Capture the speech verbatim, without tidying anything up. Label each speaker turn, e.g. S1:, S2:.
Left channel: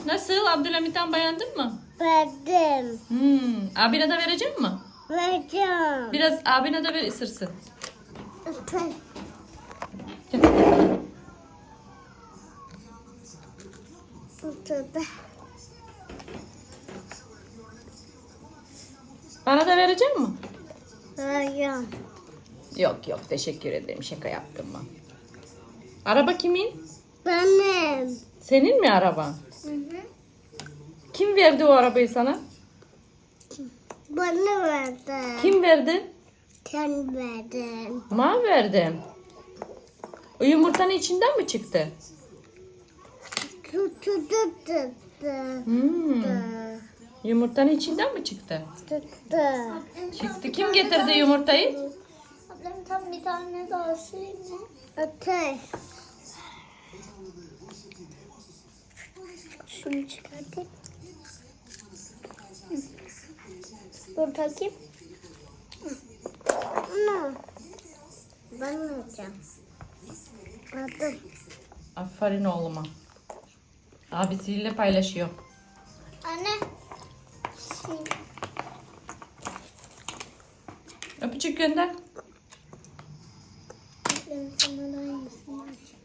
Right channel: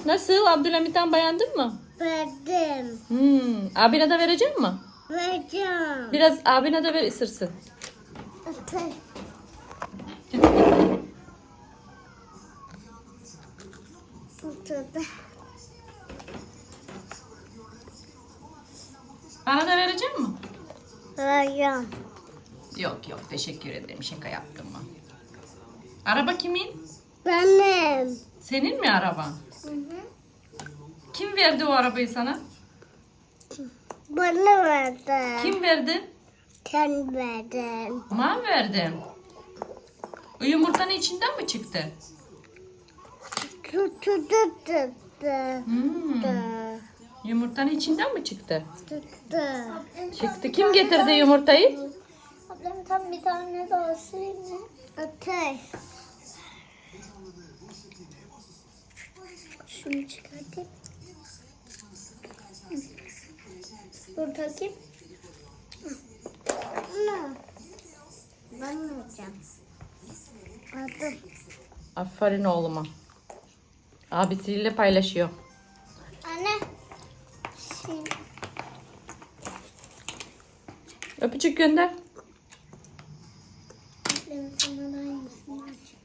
S1: Nasıl? Abdülhamit'ten beğendin mi?
S2: Verdim.
S1: Hmm. Abine de verecek mi?
S2: Vereceğim.
S1: Biraz abine de ver ısırsın.
S2: Öpey. Tutudu.
S1: Bana da verecek mi?
S2: Vereceğim.
S1: Yok yok teşekkür ederim. Şaka yaptım ben. Araba kimin?
S2: Benim.
S1: Senin mi araban?
S2: Hı hı.
S1: Kim verdi o arabayı sana?
S2: Bana verdi.
S1: Kim verdi?
S2: Sen verdin.
S1: Ma verdim. O yumurtanın içinden mi çıktı?
S2: Tutudu tuttu.
S1: Hmm. Yumurtanın içinden mi çıktı?
S2: Tuttu.
S1: Çıktı. Kim getirdi yumurtayı?
S3: Ablam tam bir tane daha süreyim mi?
S2: Öpey.
S3: Şunu çıkartayım. Hı. Dur takayım.
S2: Ne? Ben vereceğim. Aldım.
S1: Aferin oğluma. Abisiyle paylaşıyor.
S3: Anne. Şimdi
S1: Öpücük gönder.
S3: ablam sana da aynısını aç.